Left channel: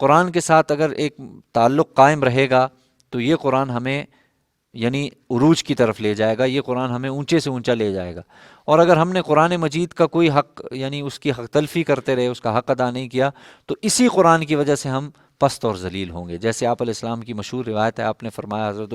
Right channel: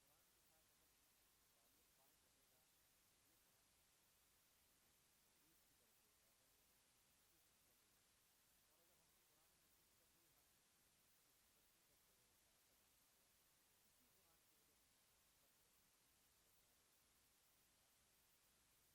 قرآن کے ساتھ اگر ایک تعلق قائم رہے گا تو یہ قرآن ہمیں یعنی عروج کی طرف لے جائے گا، یہ قرآن ہمیں اونچے سے اونچا لے جائے گا۔ اور اگر ہم نے قرآن مجید کا کوئی حق یعنی اس کی حق تلفی کرتے رہے، اس کا حق ادا نہیں کیا، تو اسی قرآن کی وجہ سے ہم پست اور ذلیل ہوں گے۔ جیسے آپ علیہ السلام کی مشہور روایت ہے، آپ نے فرمایا، حضرت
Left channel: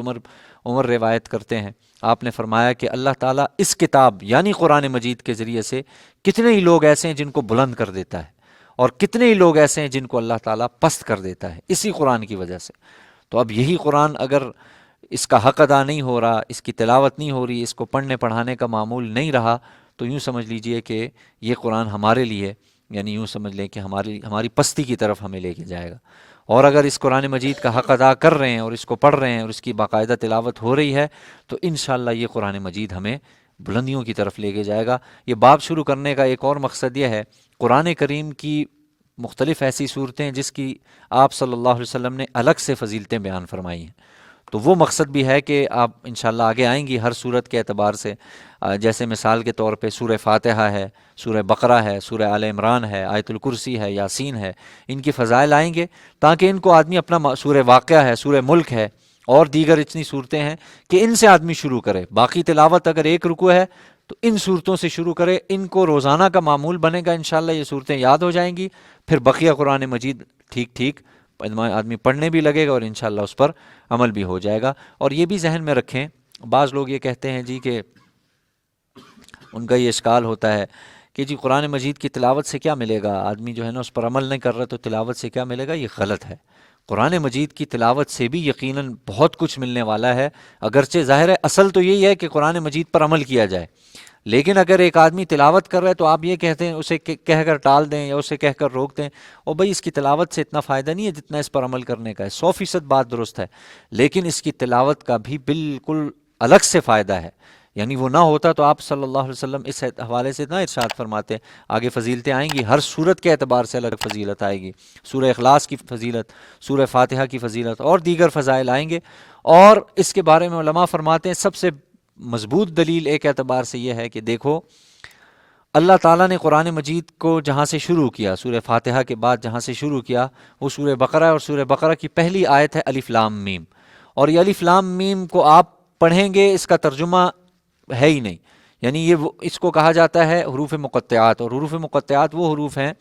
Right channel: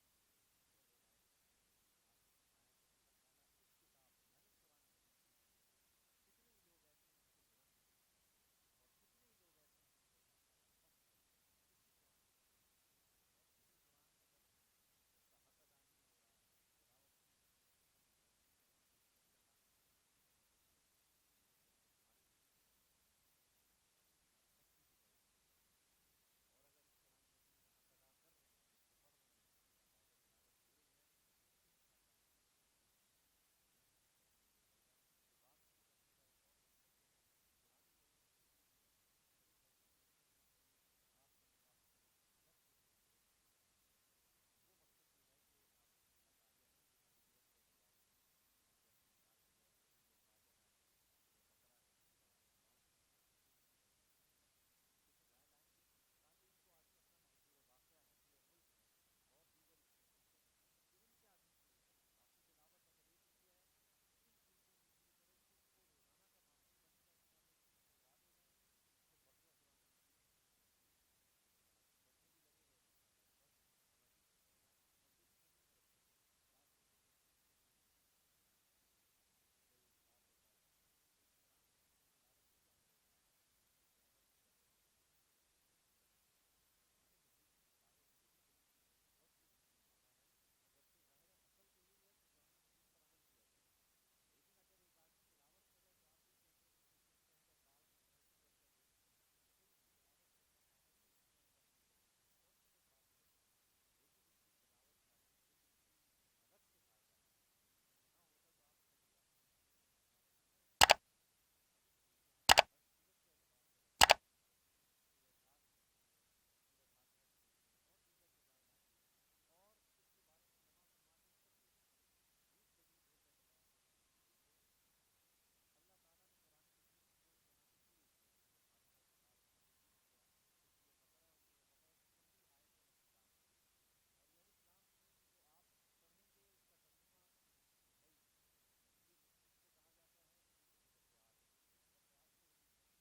عمر روایت کرتے ہیں، آپ نے فرمایا کہ اللہ تعالیٰ اس کتاب یعنی قرآن مجید کے ذریعے سے کتنے ہی لوگ ایسے ہیں جن کو بلند کر دیتا ہے، اور کتنے ہی لوگ ایسے ہیں جن کو اللہ تعالیٰ پست کر دیتا ہے اسی قرآن کی وجہ سے۔ تو اب یہی قرآن اگر اس کا حق ادا نہیں ہو رہا، اس کی تلاوت نہیں ہو رہی، اس کو پڑھنے پڑھانے کا معمول نہیں رہا، تو یوں سمجھ لیجئے کہ یہ قرآن ہمارے لیے یعنی یوں سمجھ لیں کہ ہماری پستی کی طرف ہمیں لے کے جائے گا۔ اور اگر اس قرآن مجید کا حق ادا کر رہے ہیں اور اس کو پڑھ رہے ہیں اور اس کی باقاعدہ تلاوت ہو رہی ہے، تو انشاءاللہ یہ قرآن مجید ہمیں بلندیوں کی طرف لے کے جائے گا۔ یہ باب شروع کرنے کا ایک اور مقصد یہ ہے، قرآن کریم کی مختلف ایسی صورتیں جس کی آپ صلی اللہ علیہ وسلم نے الگ سے فضیلتیں بیان فرمائی ہیں، تو وہ مقصد بھی ہے کہ آپ انشاءاللہ آگے آئیں گی ہر صورت کے اعتبار سے۔ جیسے مثال کے طور پہ سورہ فاتحہ ہے، سورہ بقرہ ہے، سورہ آل عمران ہے، آیت الکرسی ہے، یاسین ہے، ان کی فضائل آئیں گے تاکہ ان کو آدمی اپنا سورہ واقعہ ہے، سورہ ملک ہے، اور دیگر اتنی صورتیں ہیں کہ ان سے آدمی شروع کرے۔ باقی تلاوت اگر ایک رکوع ہے تو ان صورتوں سے شروع کرے، ان کو روزانہ کا معمول بنے گا، انشاءاللہ یہ صورتیں یاد ہو جائیں گی، پھر بقیہ قرآن مجید ٹھیک ٹھیک آدمی پڑھنے بھی لگے گا اور انشاءاللہ اس پر عمل بھی ہو جائے گا۔ اور یہ بھی ذہن میں رکھیں، بعض لوگ یہ کہتے ہیں جی کہ ان کا یہ اشکال ہوتا ہے کہ جی قرآن مجید کی تلاوت سے کیا ملے گا، آدمی جو ہے نا اس پر عمل نہیں کر رہا تو تلاوت سے کیا ملے گا۔ یہ غلط ہے۔ قرآن مجید کی تلاوت سے بھی یقیناً بہت کچھ ملنے والا ہے، اگرچہ ظاہر ہے اصل تو یہی ہے کہ قرآن مجید پر عمل کیا جائے، لیکن اگر ایک آدمی تلاوت کر رہا ہے تو آپ یہ کہتے ہیں اسے کہہ کر ٹال دیں یا اسے کہہ کر روک دیں، اور بھائی اس کی تلاوت سے اتنا فائدہ نہیں ہے جتنا اس پر عمل کرنے کا ہے، 100% بات درست ہے، لیکن اس کی تلاوت کا بھی بالکل الگ سے فائدہ ہے۔ یعنی وہ نہ ہوتا تو آپ صلی اللہ علیہ وسلم اس حوالے سے نہ ارشاد فرماتے۔ آگے فضیلتیں آئیں گی، ہر صورت کے اعتبار سے الگ فضیلت آئے گی، سورہ اخلاص کی فضیلت، سورہ فاتحہ کی فضیلت اور دیگر فضائل آئیں گے۔ اور اس کے بارے میں علماء فرماتے ہیں سب سے مضبوط دلیل ایک اعتبار سے یہ ہے کہ دیکھو اللہ تعالیٰ نے قرآن مجید کو جہاں سے شروع کیا، سورہ فاتحہ کے بعد جہاں سے شروع کیا وہ سورہ بقرہ ہے، اور سورہ بقرہ کی پہلی آیت ہے الف لام میم، اور یہ الف لام میم کو آپ پڑھیں گے اس کا ترجمہ ہے ہی نہیں، یعنی یہ اس کو کہا جاتا ہے حروف مقطعات، اور حروف مقطعات وہ حروف ہیں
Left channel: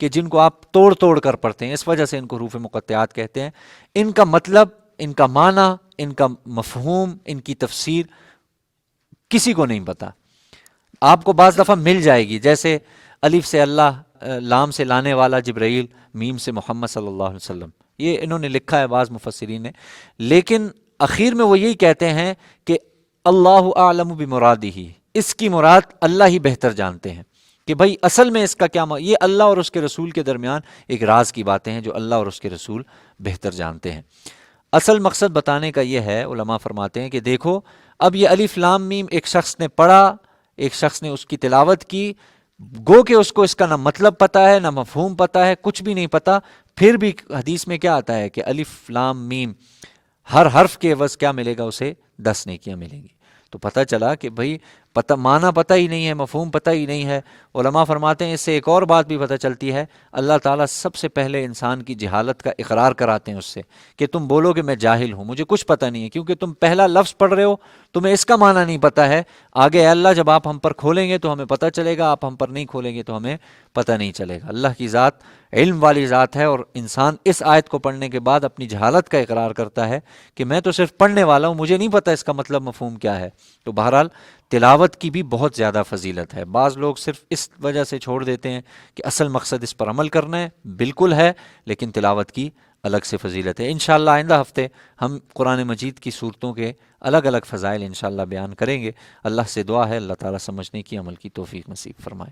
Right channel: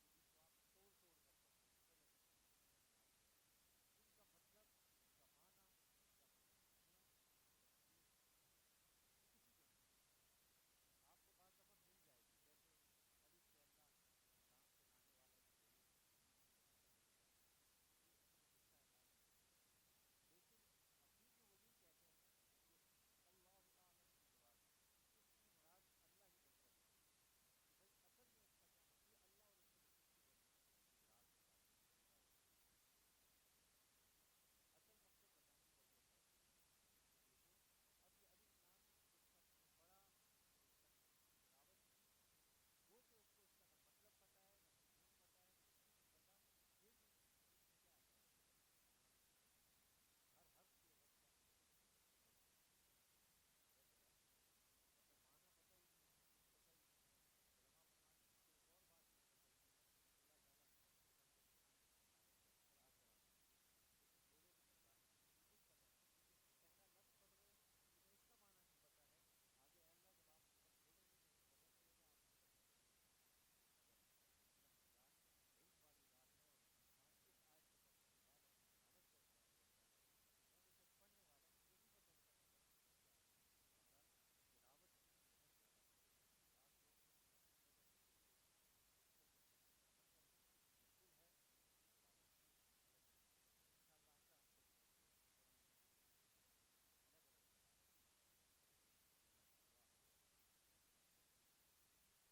کہ جن کو آپ توڑ توڑ کر پڑھتے ہیں، اس وجہ سے ان کو حروف مقطعات کہتے ہیں۔ ان کا مطلب، ان کا معنی، ان کا مفہوم، ان کی تفسیر کسی کو نہیں پتا۔ آپ کو بعض دفعہ مل جائے گی، جیسے الف سے اللہ، لام سے لانے والا جبرائیل، میم سے محمد صلی اللہ علیہ وسلم، یہ انہوں نے لکھا ہے بعض مفسرین نے، لیکن اخیر میں وہ یہی کہتے ہیں کہ اللہ اعلم بمرادہ، اس کی مراد اللہ ہی بہتر جانتے ہیں کہ بھائی اصل میں اس کا کیا یہ اللہ اور اس کے رسول کے درمیان ایک راز کی باتیں ہیں جو اللہ اور اس کے رسول بہتر جانتے ہیں۔ اصل مقصد بتانے کا یہ ہے، علماء فرماتے ہیں کہ دیکھو اب یہ الف لام میم ایک شخص نے پڑھا، ایک شخص نے اس کی تلاوت کی، گو کہ اس کو اس کا نہ مطلب پتا ہے نہ مفہوم پتا ہے، کچھ بھی نہیں پتا، پھر بھی حدیث میں کیا آتا ہے کہ الف لام میم ہر حرف کے عوض کیا ملے گا، اسے 10 نیکیاں ملیں گی۔ تو پتہ چلا کہ بھائی معنی پتہ ہی نہیں ہے، مفہوم پتہ ہی نہیں ہے۔ علماء فرماتے ہیں اس سے ایک اور بات بھی پتہ چلتی ہے، اللہ تعالیٰ سب سے پہلے انسان کی جہالت کا اقرار کراتے ہیں اس سے کہ تم بولو کہ میں جاہل ہوں، مجھے کچھ پتہ نہیں ہے، کیونکہ تم پہلا لفظ پڑھ رہے ہو، تمہیں اس کا معنی نہیں پتہ ہے۔ آگے اللہ جب آپ ہم پر کھولیں گے تو ہمیں پتہ چلے گا، آپ ہم پر نہیں کھولیں گے تو ہمیں پتہ نہیں چلے گا۔ اللہ کی ذات علم والی ذات ہے، اور انسان اس آیت کو پڑھنے کے بعد اپنی جہالت کا اقرار کرتا ہے کہ میں تو صرف پڑھنے والا ہوں، مجھے نہیں پتہ اس کا مطلب مفہوم کیا ہے۔ تو بہرحال تلاوت کی بھی بہت زیادہ فضیلت ہے۔ بعض لوگ صرف اس وجہ سے چھوڑ دیتے ہیں کہ اصل مقصد اس پر عمل کرنا ہے، بالکل ہے، لیکن تلاوت کی الگ سے فضیلت ہے۔ انشاءاللہ آئندہ ہفتے ہم قرآن مجید کی صورتوں کے الگ الگ فضائل انشاءاللہ بیان کریں گے۔ اللہ سے دعا ہے اللہ تعالیٰ سمجھنے کی، عمل کی توفیق نصیب فرمائے۔